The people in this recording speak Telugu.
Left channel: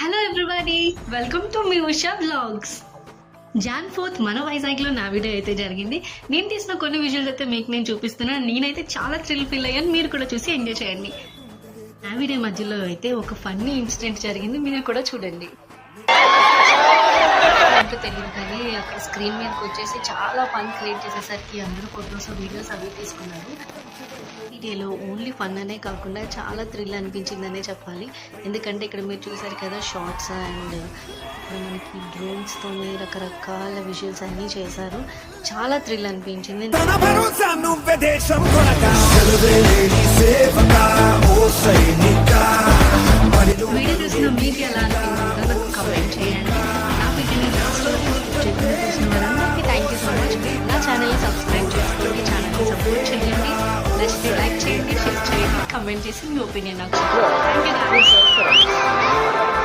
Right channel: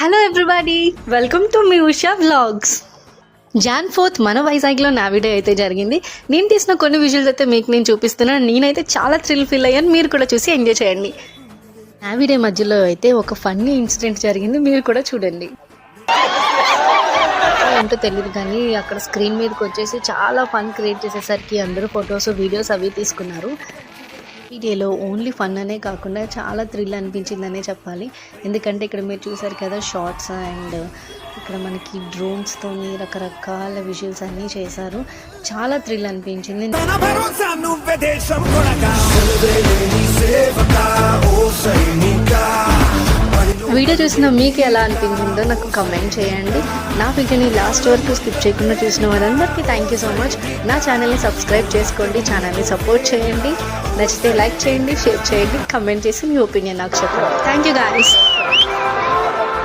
Hello everybody, welcome to me Usha vlogs. Jan 4th మన వైజాగ్లో నావిడే అయితే జరిగింది. నేను తీసిన కొన్ని విజువల్స్ అయితే మీకు నేను చూపిస్తున్నాను. నేనైతే చాలా థ్రిల్ ఫీల్ అయ్యాను. మీరు కూడా చూసి ఎంజాయ్ చేయండి. నావిడే మధ్యలో అయితే ఒక ఫన్నీ ఇన్సిడెంట్ జరిగింది, మీరు కూడా చూడండి. ఏంటో తెలియదు కానీ అక్కడ స్క్రీన్ మీదకి వచ్చేసి చాలా ఫన్ క్రియేట్ చేసేసరికి అందరూ ఫొటోస్ వీడియోస్ అవి తీసుకున్నారు. వీడియోలో ఓన్లీ ఫన్ అనే కాకుండా చాలా థ్రిల్ అనిపించిందనే చెప్పాలి. ఎందుకంటే ఇక్కడ మీరు చూసారు కదా షార్ట్స్ అండ్ ఇక్కడ మనకి డ్రోన్స్తోని రకరకాల విజువల్స్ అన్నీ చేశారు. చాలా థ్రిల్ అనిపించింది. వీడియో చూసిన మీకు ఎలా అనిపించిందో నాకు కామెంట్ చేయండి. నా వీడియోని లాస్ట్ వరకు స్కిప్ చేయకుండా చూసిన వారందరికీ థ్యాంక్ యూ సో మచ్. నా ఛానల్ని సబ్స్క్రైబ్ చేసుకోండి, ఛానల్ని సపోర్ట్ చేయండి. నచ్చితే లైక్ చేయండి, షేర్ చేయండి, కామెంట్ చేసి మీ ఒపీనియన్ నాకు చెప్పండి. Thank you guys.